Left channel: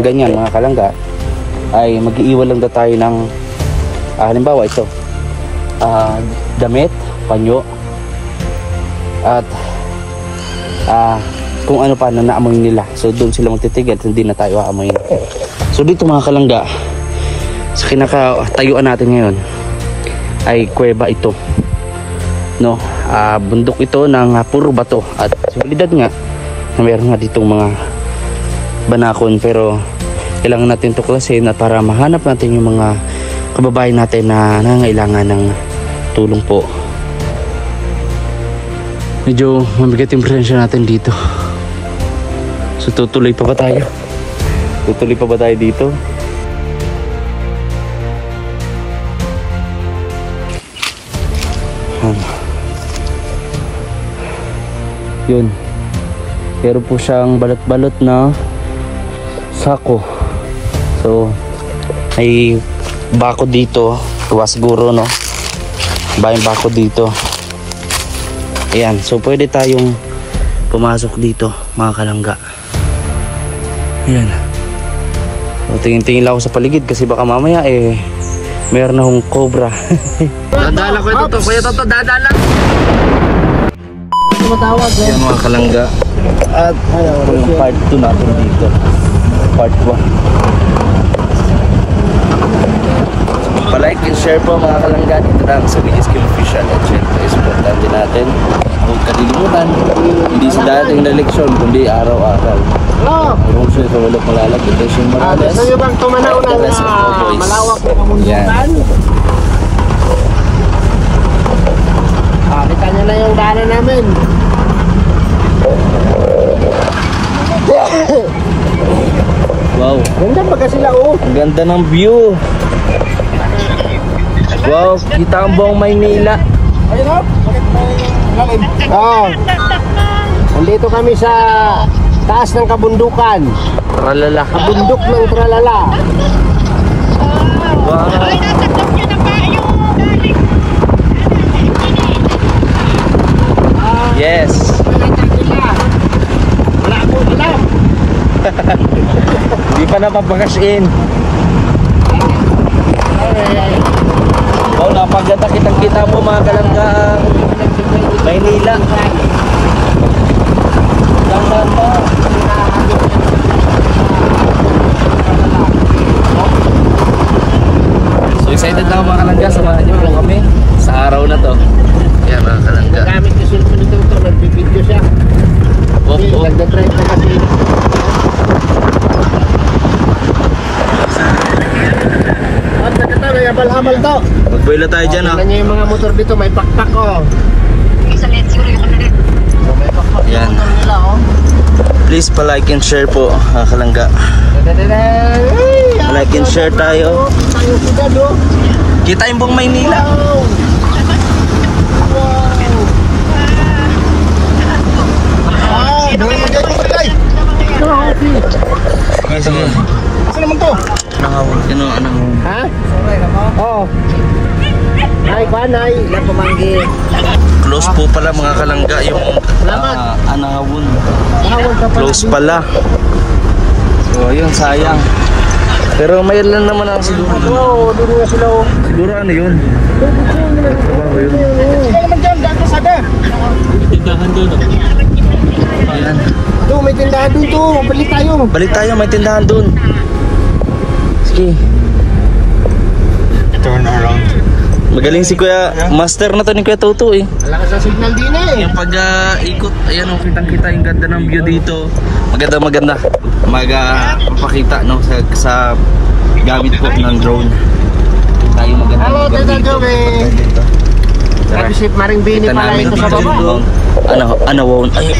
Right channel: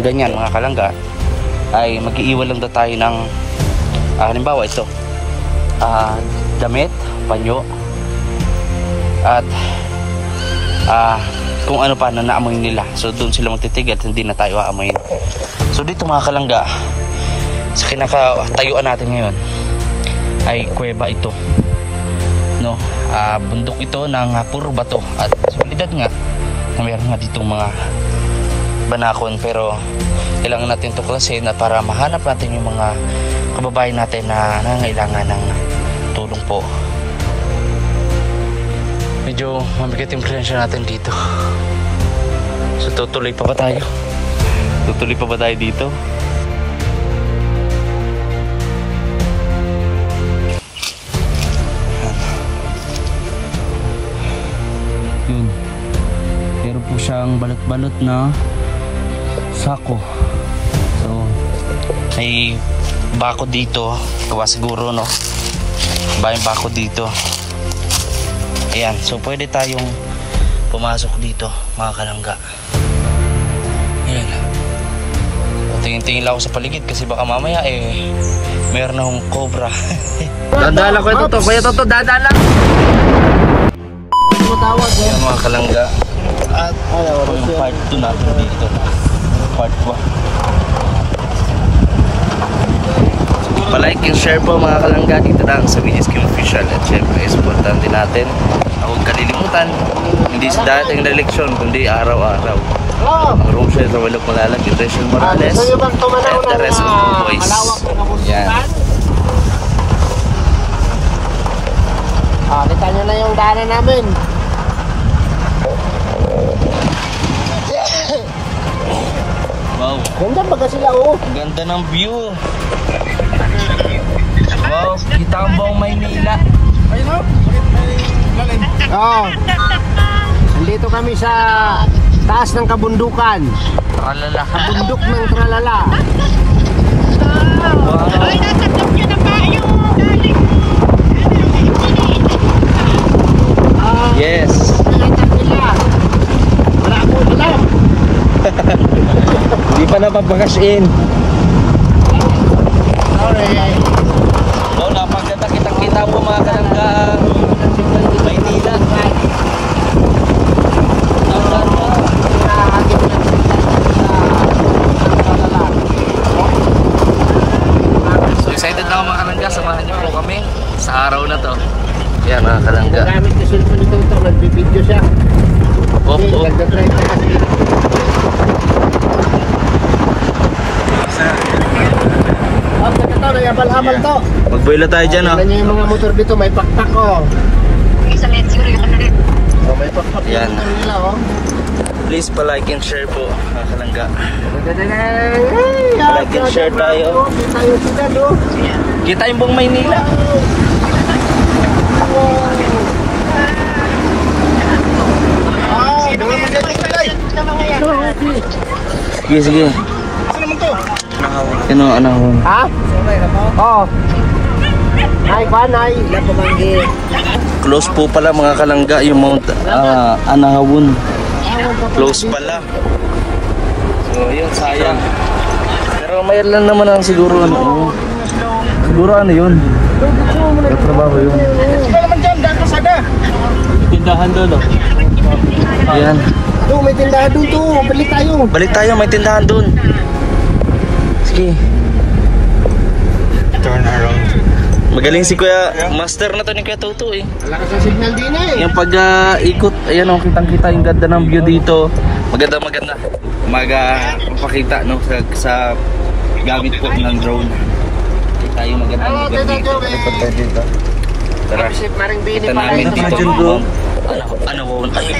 ganyan mga kalangga ay mag-iiwan lang daw tayo ng halimbawa ito, damit, panyo at kung ano pa na naamoy nila. So doon sila magtitigil, hindi na tayo aamoyin. So dito mga kalangga, sa kinakatayuan natin ngayon ay kuweba ito, no? Bundok ito ng puro bato at solidad nga, meron nga ditong mga banakon, pero kailangan natin tuklasin at para mahanap natin yung mga kababayan natin na nangailangan ng tulong po. Medyo mabigat yung presensya natin dito. So tutuloy pa ba tayo? Tutuloy pa ba tayo dito? Yun. Pero po siyang balot-balot na sako. So may bako dito. Tuwa siguro, no? Bayang bako dito. Ayan. So pwede tayong pumasok dito mga kalangga. Ayan. So, tingin-tingin lang ako sa paligid kasi baka mamaya meron na akong cobra. Dadala ko ito. Kuya Toto, dadala. Matawag eh. Kalangga. At yung part 2 natin dito. Part 1. Pa-like and share po mga kalangga dito lang sa VSK Official. At syempre supportan din natin. Huwag kalilimutan, hindi sa dating na eleksyon kundi araw-araw. Rosel Romalok Malalag, Rachel Morales, and the rest of the boys. Yan. Kita nyo na yung daanan namin. Wow. Ganda pa sila oh. Ang ganda ng view. Wow, kita ang buong Maynila. Nandito kami sa taas ng kabundukan. Tralala. Kabundok ng Tralala. Ay, natakot nyo na kayo. Yes. Wala ako, alam. Hindi pa napapakas in. Wow, napaganda kitang-kita po mga kalangga. Maynila. Ganda. So excited na mga kalangga, samahan niyo po kami sa araw na to. Yan mga kalangga. Gamit yung cellphone nito, nagbibideo siya. Opo. Nagda-try ko kasi. Habal-habal to. Magbuela tayo dyan ha. Tingnan nyo yung mga motor dito, may pakpak oh. May pakpak Yan. yung motor nila oh. Please pa-like and share po mga kalangga. Pa-like and share tayo. Kita yung buong Maynila. Sige. Ano naman to? Anahawon. Ha? Oo. Ay, panay. Ilang pamanggi. Close po pala mga kalangga yung Mount Anahawon. Close pala. So yun, sayang. Pero mayroon lang naman ang siguro. Siguro ano yun? Trabaho yun. Sila naman dyan, dati saga. Tindahan doon. Ayan. Ito, may tindahan doon to. Balik tayo. Balik tayo, may tindahan doon. Sige. Turn around. Magaling si Kuya, master na to ni Kuya Toto eh. Malakas ang signal din eh. Yung pag-ikot, ayun ang kitang-kita yung ganda ng view dito. Maganda. Magpakita no sa gamit po ng drone. Kita yung maganda ng lugar dito. Tara. Kita namin dito yung Mount Anahawon. Ay,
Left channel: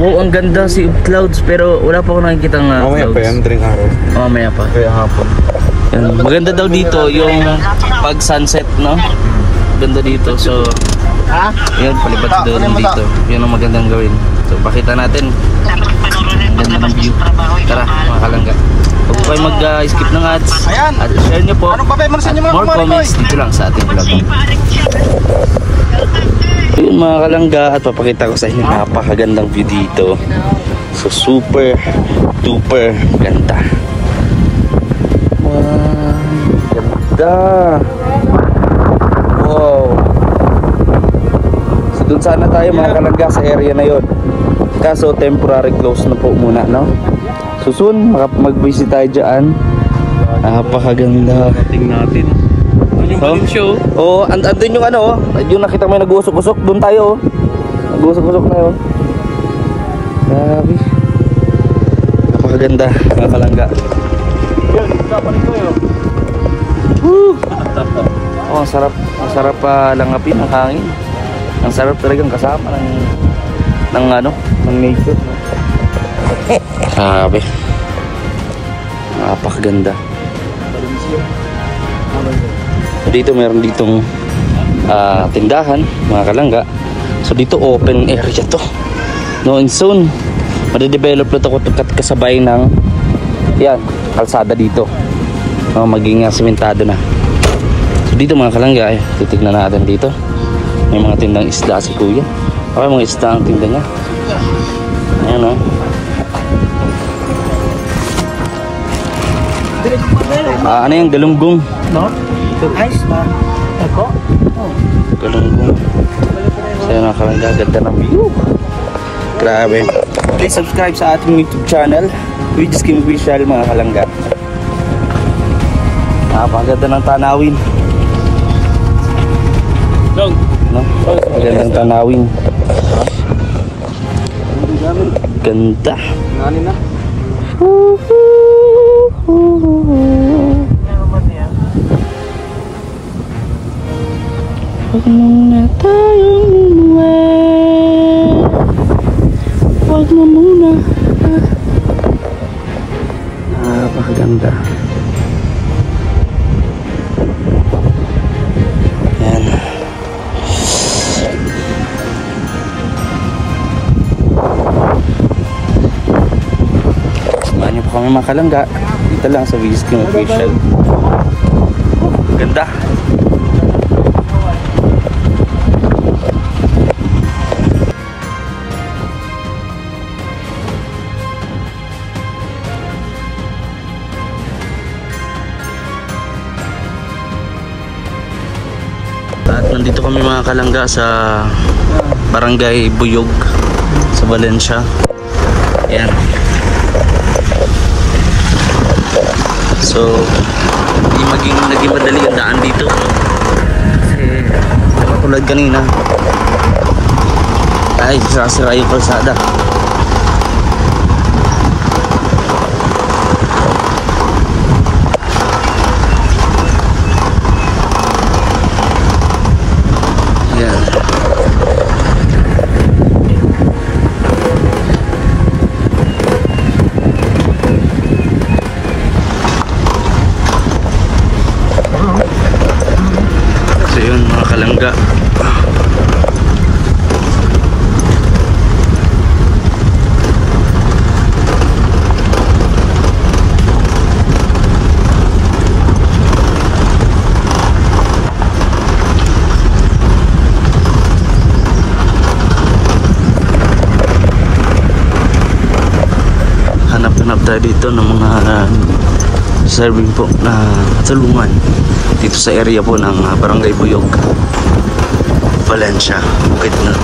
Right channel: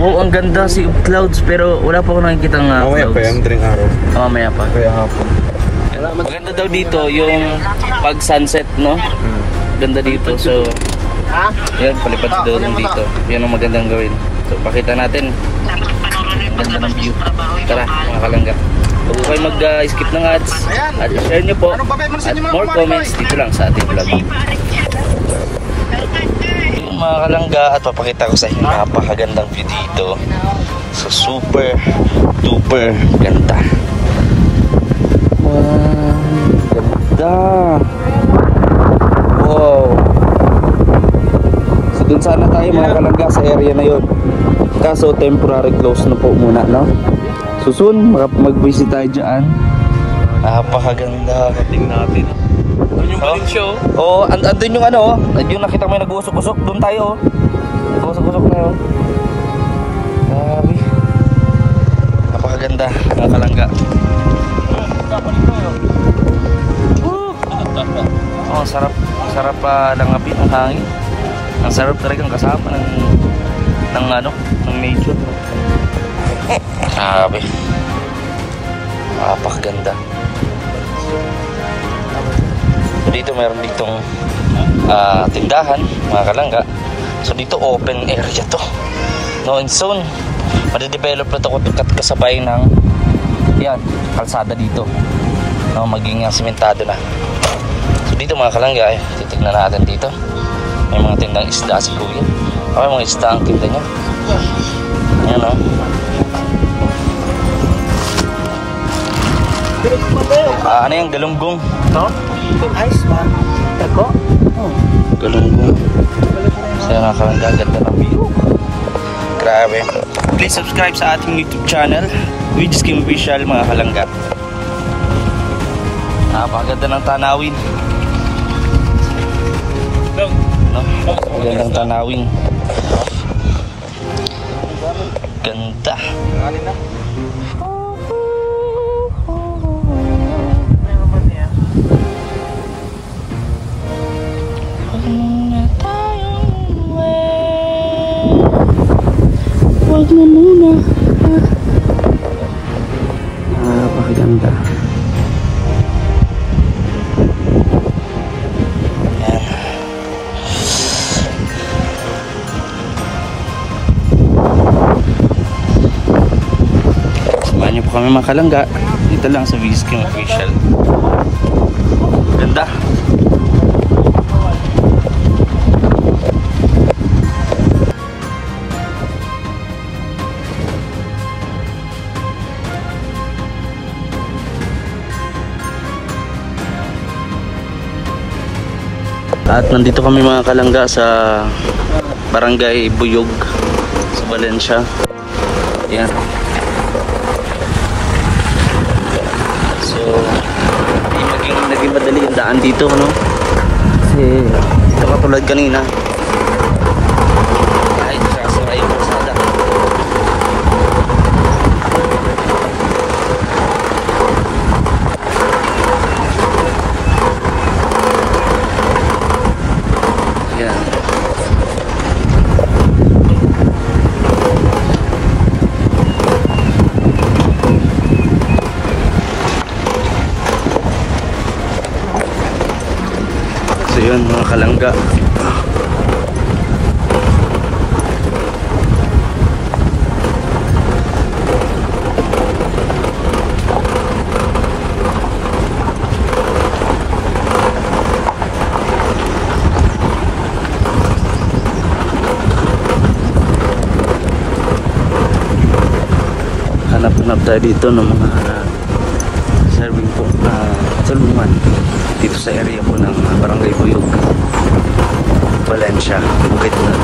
wow, ang ganda si clouds pero wala pa ako nakikita ng Mamaya pa yan, drink araw. Mamaya pa. Kaya hapon. Maganda daw dito yung pag sunset, no? Ganda dito. So, yan, palipad daw lang dito. Yan ang magandang gawin. So, pakita natin. Ganda ng view. Tara, mga kalangga. Huwag po kayo mag-skip ng ads. At share nyo po. At more comments dito lang sa ating vlog. Yun mga kalangga. At papakita ko sa inyo napakagandang view dito. So, super Super ganda. Wow, ganda. Wow. So dun sana tayo mga kalangga sa area na yon. Kaso temporary close na po muna, no? So soon mag-visit tayo dyan. Napakaganda. Tingnan natin. Yung show. Oh, andun yung ano, yung nakita mo yung nag-uusok-usok, doon tayo. Nag-uusok-usok na yun. Maganda, mga kalangga. Oh, ang sarap langapin ang hangin. Ang sarap talagang kasama ng nature. Sabi. Napakaganda. Dito meron ditong tindahan, mga kalangga. So dito open area to. No, and soon made-develop na ito kasabay ng yan, kalsada dito. No, maging sementado na. So dito mga kalangga, titignan natin dito. May mga tindang isda sa kuya. Okay, mga isda ang tinda niya. Ano yung galunggong? No? Guys, ako? Galunggong. Sana nakaganda ng view. Grabe. Please subscribe sa ating YouTube channel, Regis Kim Official, mga kalangga. Napakaganda ng tanawin. No? Magandang tanawin. Ganda. Huwag mo muna. Oh, pakaganda. Samahan niyo po kami mga kalangga. Dito lang sa Regis Kim Official. Ganda. At nandito kami mga kalangga sa Barangay Buyog sa Valencia. Yan. So naging madali ang daan dito, no? Kasi tulad kanina ay sasira yung kalsada. So yun mga kalangga, hanap-hanap tayo dito ng mga serving po tulungan dito sa area po ng Barangay Buyog, Valencia, Bukidnon.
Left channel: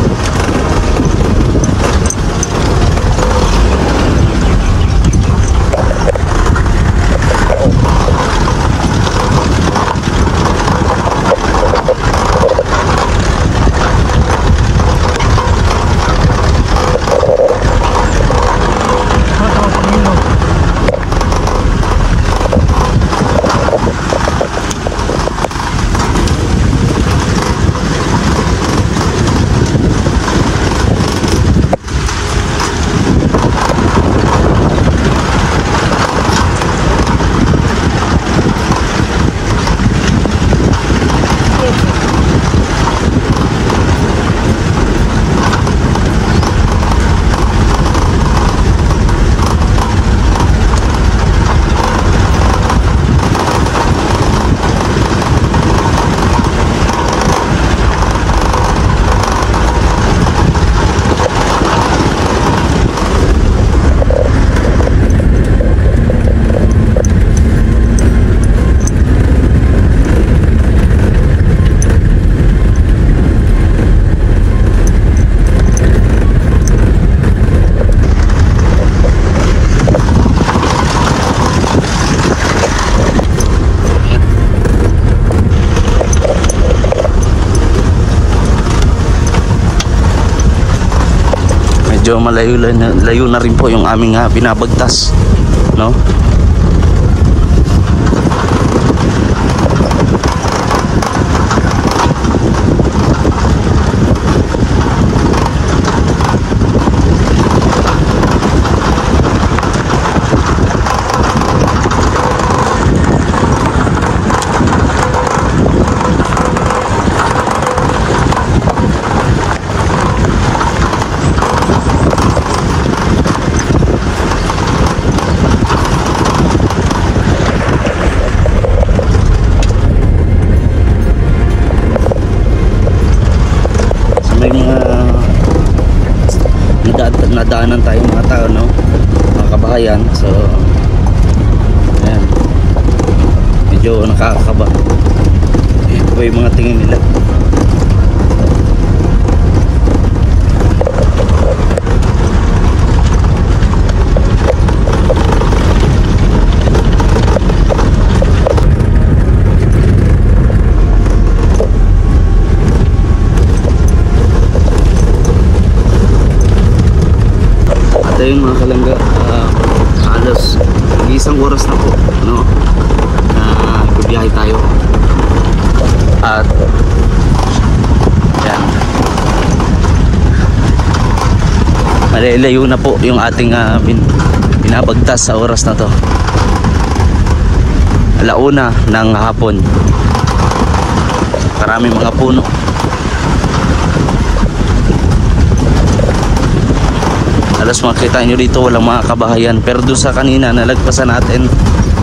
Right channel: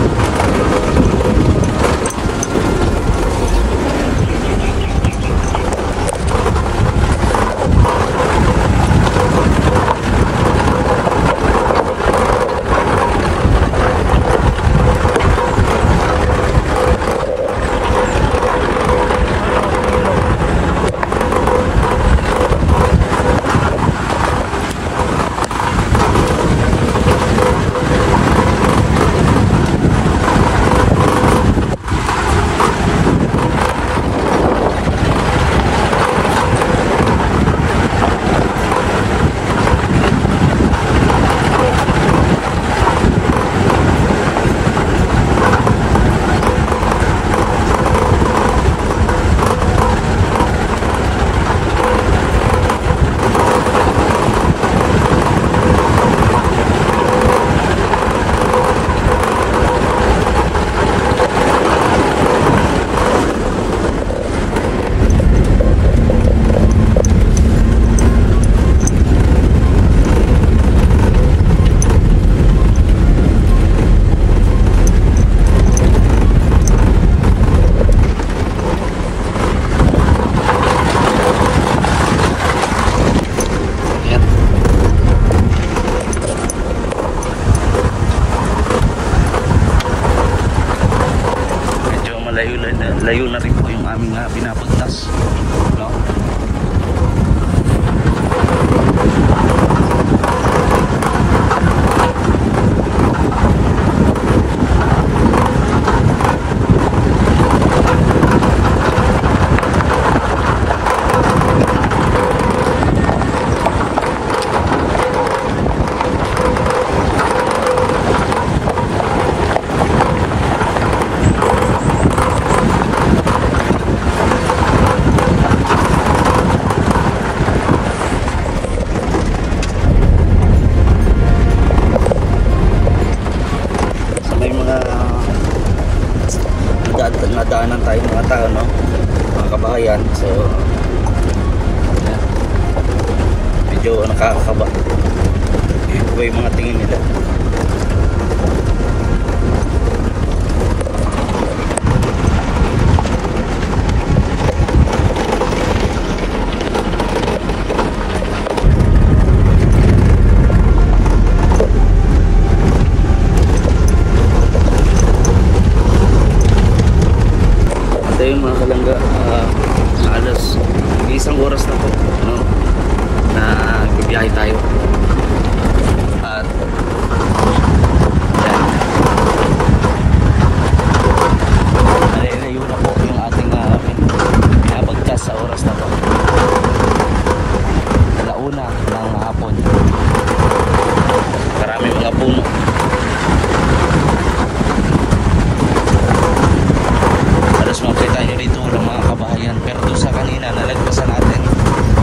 medyo layo na rin po yung aming binabagtas, no? Nadaanan tayo mga tao, no, mga kabahayan. So ayan, medyo nakakakaba. Ito yung mga tingin nila. Ayun mga kalangga, halos isang oras na po, no, na bibiyahe tayo. At yan, layo na po yung ating binabagtas sa oras na to. 1:00 ng hapon. Maraming mga puno. Halos makita nyo dito walang mga kabahayan, pero doon sa kanina nalagpasan natin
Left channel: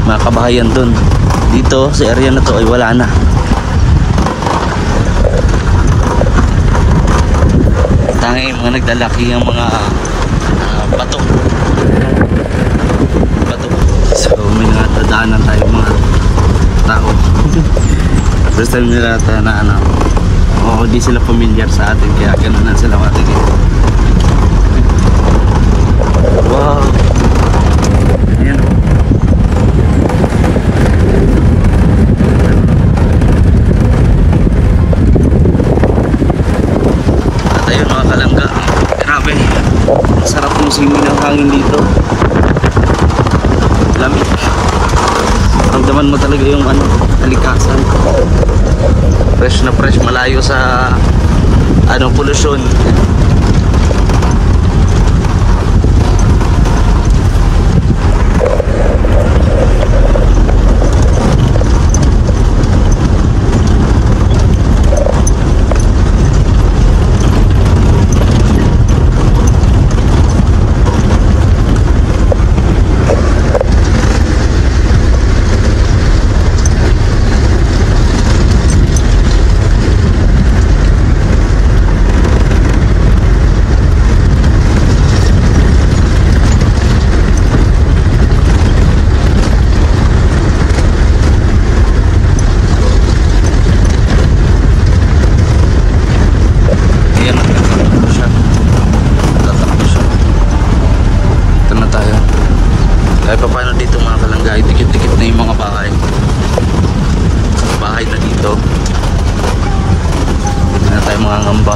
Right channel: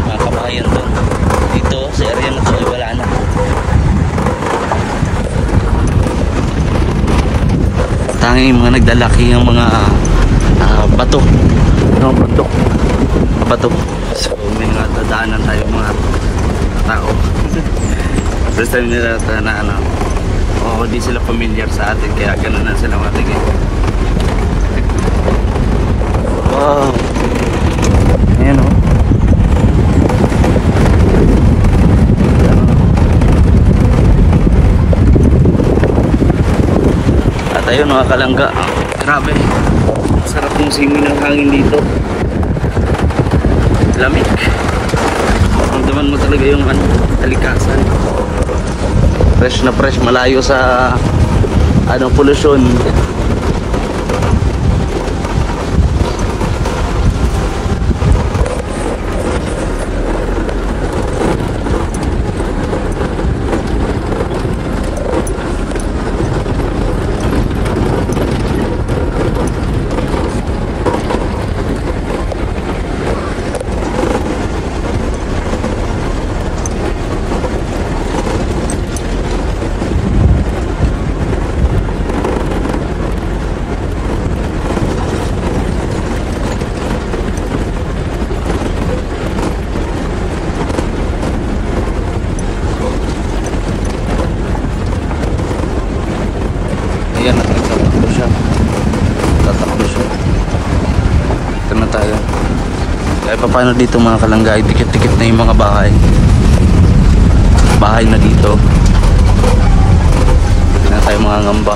mga kabahayan doon. Dito sa area na to ay wala na. Tanging mga naglalaki ang mga bato. Bato. So may nadaanan tayo mga tao. First time nila na hindi sila familiar sa atin, kaya gano'n na sila matigil. Wow. Ayan o. At ayun mga kalangga, grabe, sarap yung simoy ng hangin dito. Lamig. Ramdaman mo talaga yung kalikasan. Fresh na fresh, malayo sa pollution. Kahit pa paano dito mga kalangga, dikit-dikit na yung mga bahay na dito. Hindi na tayo mga ngamba.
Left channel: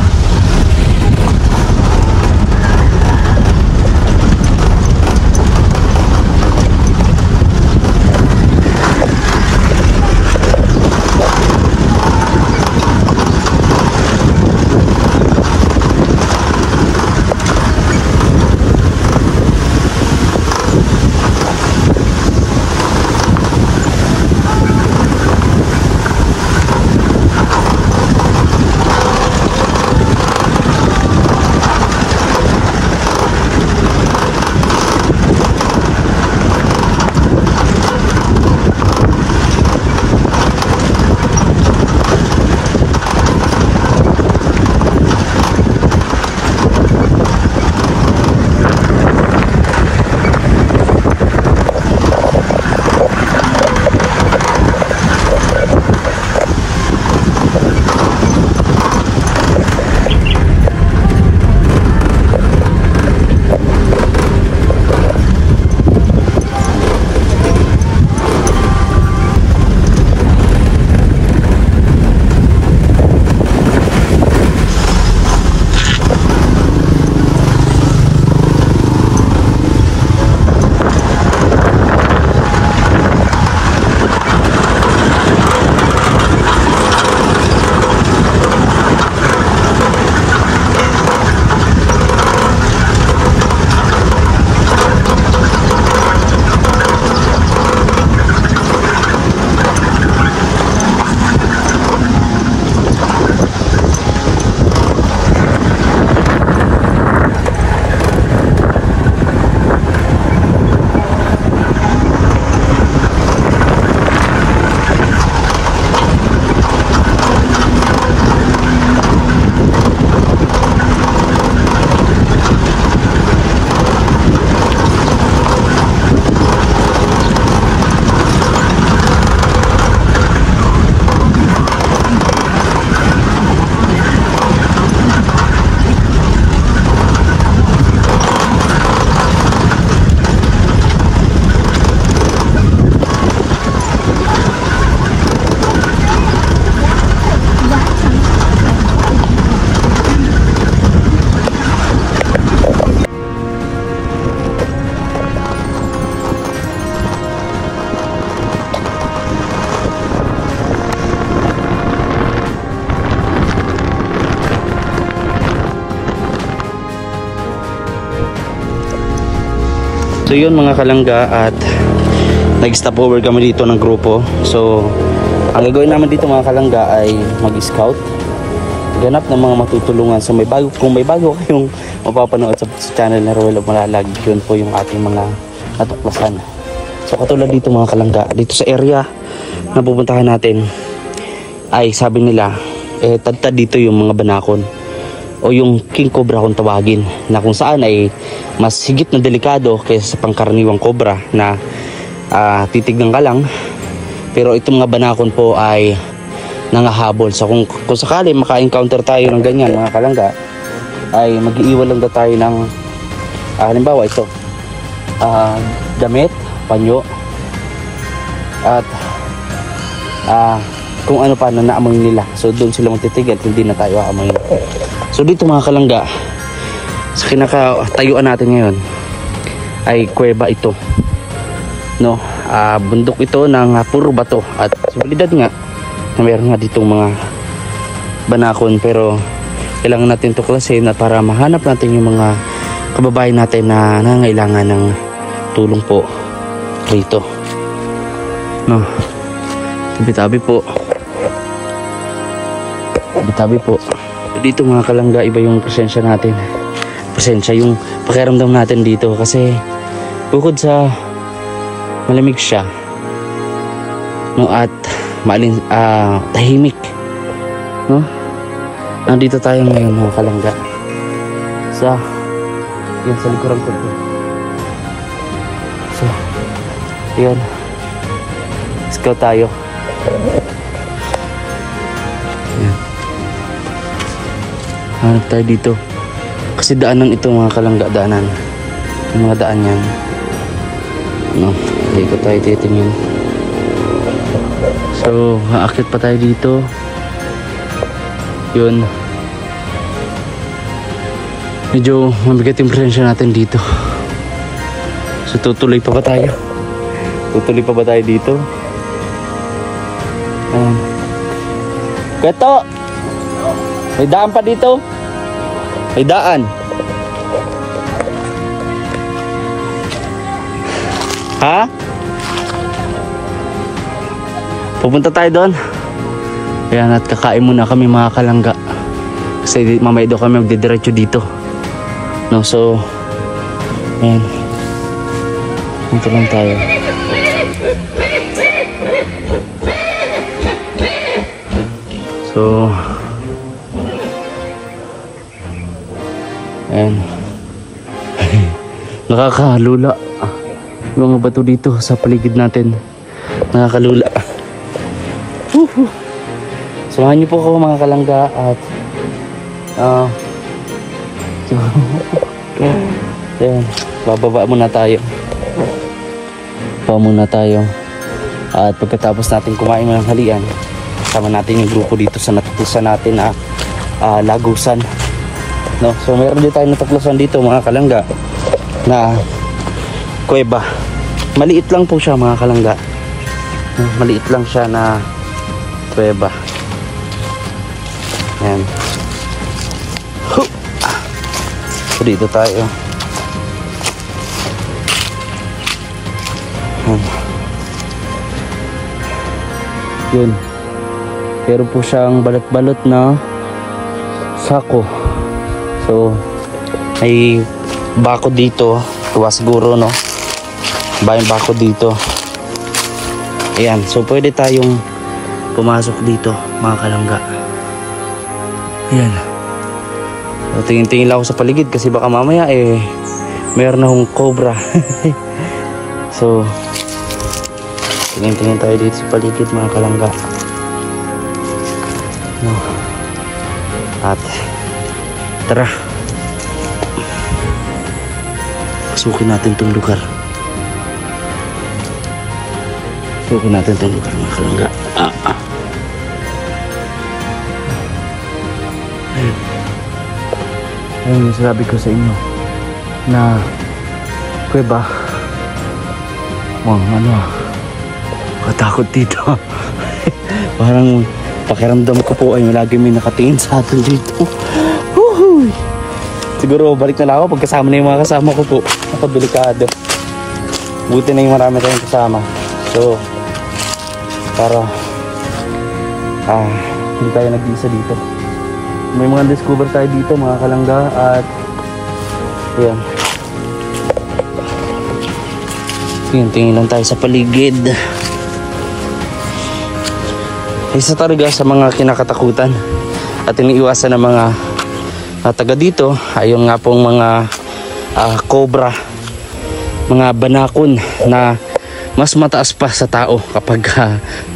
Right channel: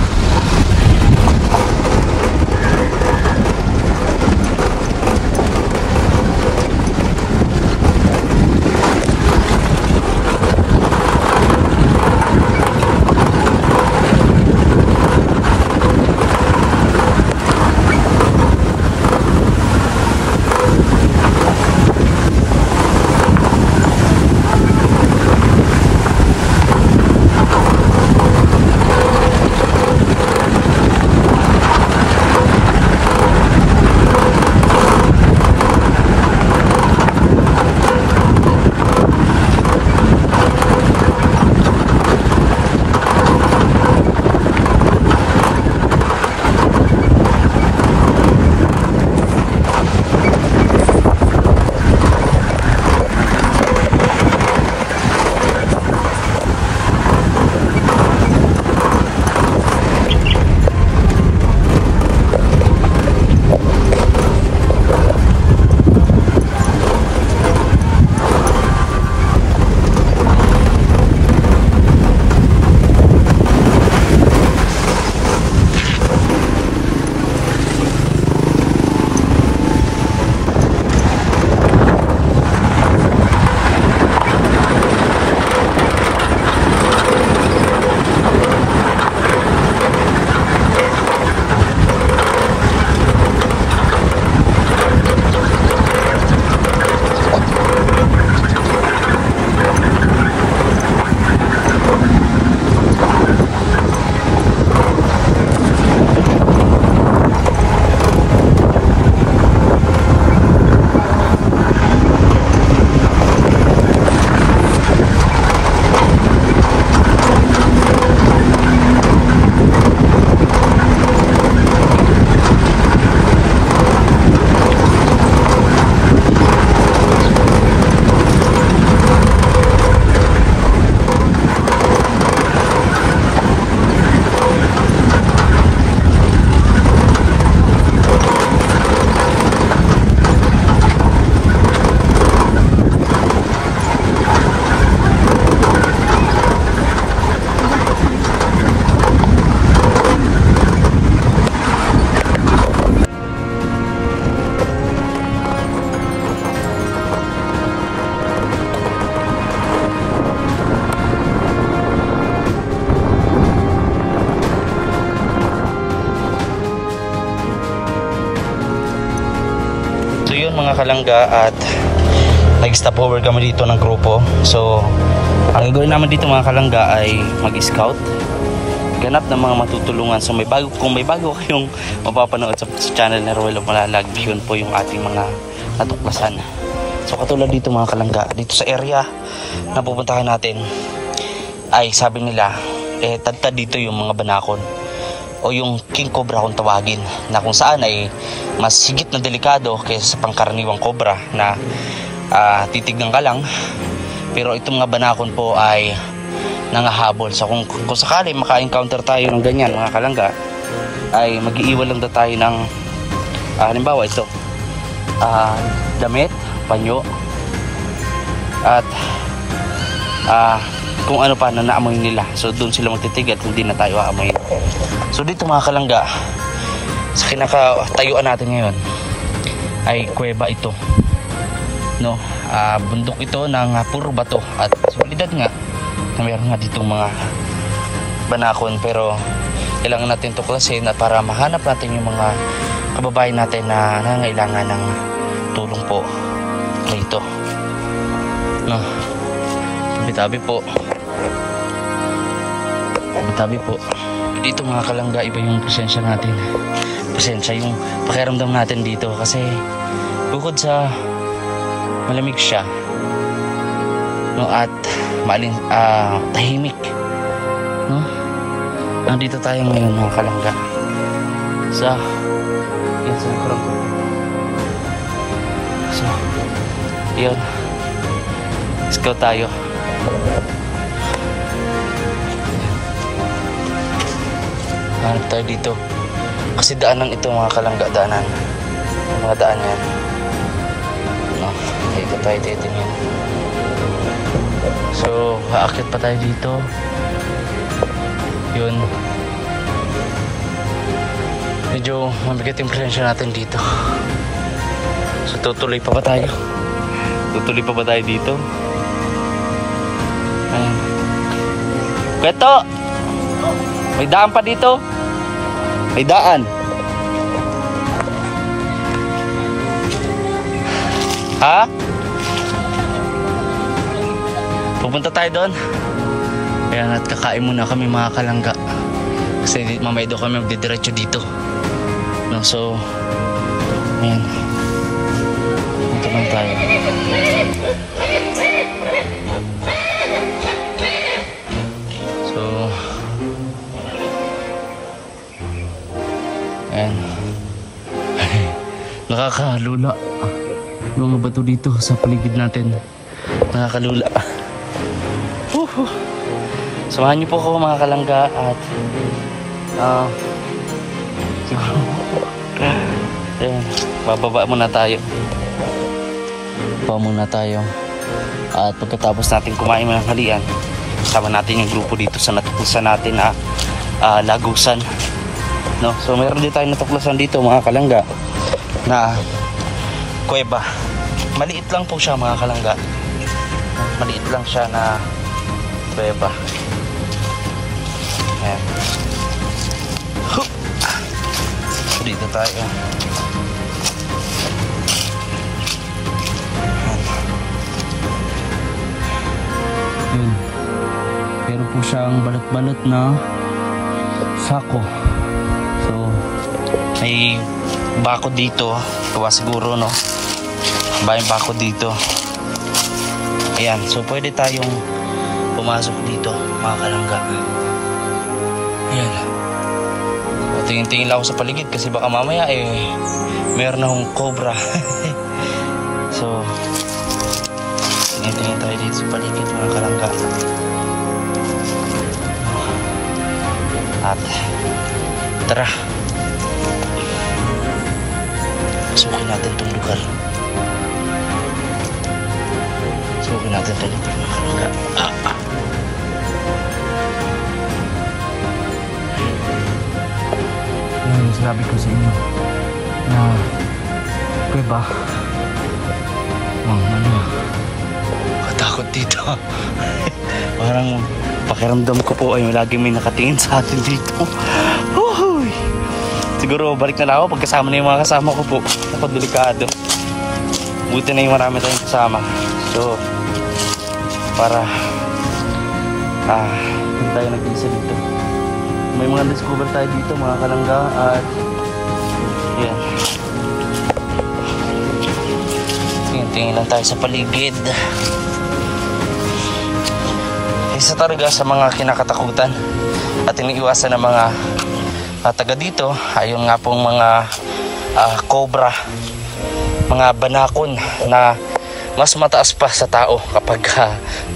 So yun mga kalangga, at nag-stopover kami dito ng grupo. So ang gagawin naman dito mga kalangga ay mag-scout, ganap ng mga matutulungan. So kung may bago kayong mapapanood sa channel na Ruel of Malalag, yun po yung ating mga natuklasan. So katulad dito mga kalangga, dito sa area na pupuntahan natin ay sabi nila tad dito yung mga banakon o yung king cobra kung tawagin, na kung saan ay mas higit na delikado kaysa sa pangkaraniwang cobra na titignan ka lang, pero itong mga banakon po ay nangahabol. So kung sakali maka-encounter tayo ng ganyan mga kalangga, ay mag-iiwan lang daw tayo ng halimbawa ito, damit, panyo, at kung ano pa na naamoy nila. So doon sila magtitigal, hindi na tayo aamoy. So dito mga kalangga, sa kinakatayuan natin ngayon ay kuweba ito, no? Bundok ito ng puro bato, at seguridad nga na meron nga ditong mga banakon, pero kailangan natin tuklasin na para mahanap natin yung mga kababayan natin na nangailangan ng tulong po rito, no? Tabi-tabi po, tabi-tabi po. Dito mga kalangga, iba yung presensya natin. Presensya yung pakiramdam natin dito, kasi bukod sa malamig siya, no, at tahimik, no? Nandito tayo ngayon mga kalangga sa likuran ko. So yun, scout tayo. Hanap tayo dito kasi daanan ito mga kalangga, daanan, mga daan yan, no? Ikot tayo dito nun. So haakit pa tayo dito. Yun, medyo mabigat yung presensya natin dito. So tutuloy pa ba tayo? Tutuloy pa ba tayo dito? Ayan. Kweto! May daan pa dito? May daan. Ha? Pupunta tayo doon. Ayan, at kakain muna kami mga kalangga, kasi mamaya daw kami magdidiretso dito, no? So ayan, dito lang tayo. So ayan. Nakakalula yung mga bato dito sa paligid natin. Nakakalula. Samahan niyo po ako mga kalangga, at ayan, bababa muna tayo. Bababa muna tayo, at pagkatapos natin kumain ng halian, sama natin yung grupo dito sa natuklasan natin na lagusan, no? So mayroon din tayo natuklasan dito mga kalangga na kuweba. Maliit lang po siya mga kalangga, maliit lang siya na kuweba. Ayan. So dito tayo. Yun, pero po siyang balot-balot na sako. So may bako dito, tuwa siguro, no? Bayang bako dito. Ayan, so pwede tayong pumasok dito mga kalangga. Ayan. So tingin-tingin lang ako sa paligid, kasi baka mamaya meron akong cobra. So tingin-tingin tayo dito sa paligid mga kalangga. At tara, pasukin natin itong lugar. Pasukin natin itong lugar mga kalangga. Ayun, sabi ko sa inyo na kuweba. Katakot dito. Parang pakiramdam ko po ay lagi may nakatingin sa atin dito. Siguro balik na lang ako pagkasama na yung mga kasama ko po. Ako delikado. Buti na yung marami tayong kasama. So, para hindi tayo nag-iisa dito. May mga discover tayo dito mga kalangga at ayan. Tingin lang tayo sa paligid. Isa talaga sa mga kinakatakutan at iniiwasan ng mga taga dito ay yung nga pong mga cobra, mga banakon na mas mataas pa sa tao kapag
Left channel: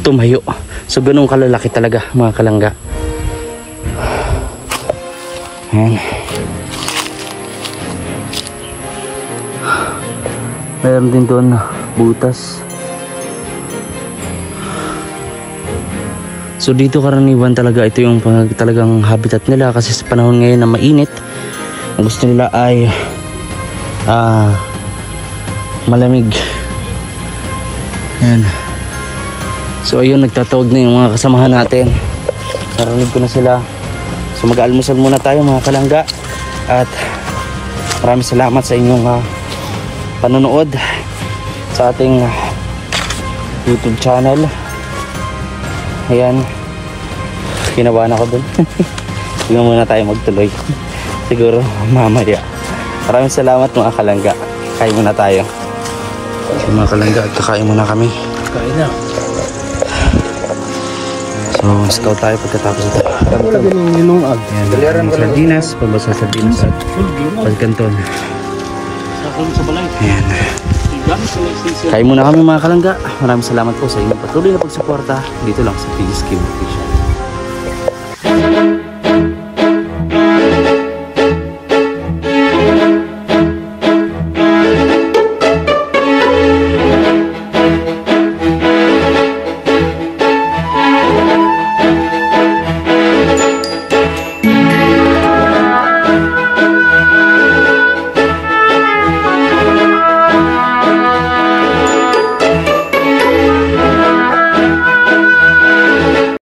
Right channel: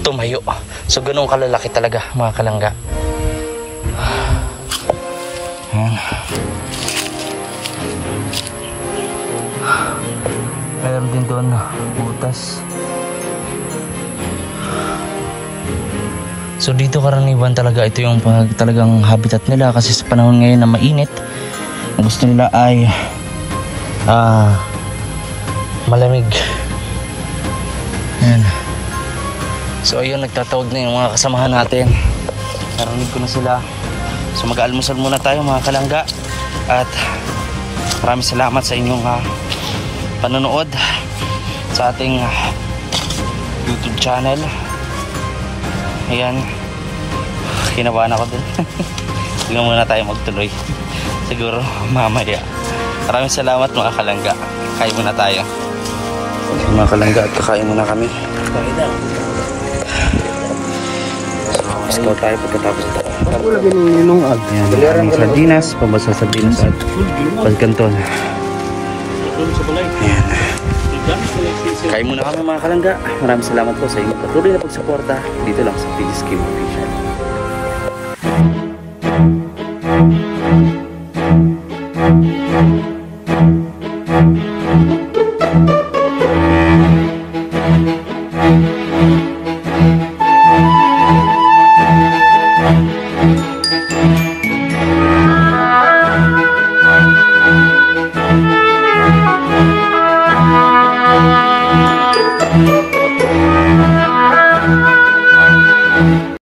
tumayo. So ganun kalalaki talaga mga kalangga. Ayan. Meron din doon butas. So dito karaniwan talaga ito yung talagang habitat nila kasi sa panahon ngayon na mainit, gusto nila ay malamig. Ayan. So ayun, nagtatawag na yung mga kasamahan natin. Narinig ko na sila. So mag-almusal muna tayo mga kalangga. At maraming salamat sa inyong panonood sa ating YouTube channel. Ayan. Kinabahan ako dun. Sige muna tayo magtuloy. Siguro mamaya. Maraming salamat mga kalangga. Kain muna tayo. So, mga kalangga at kakain muna kami. Kain na. So, scout tayo pagkatapos ito. Wala ganun linungag. Ayan, sardinas, pambasa sardinas at pagkanton. Ayan. Kain muna kami mga kalangga. Maraming salamat po sa inyong patuloy na pagsuporta dito lang sa PSK Official.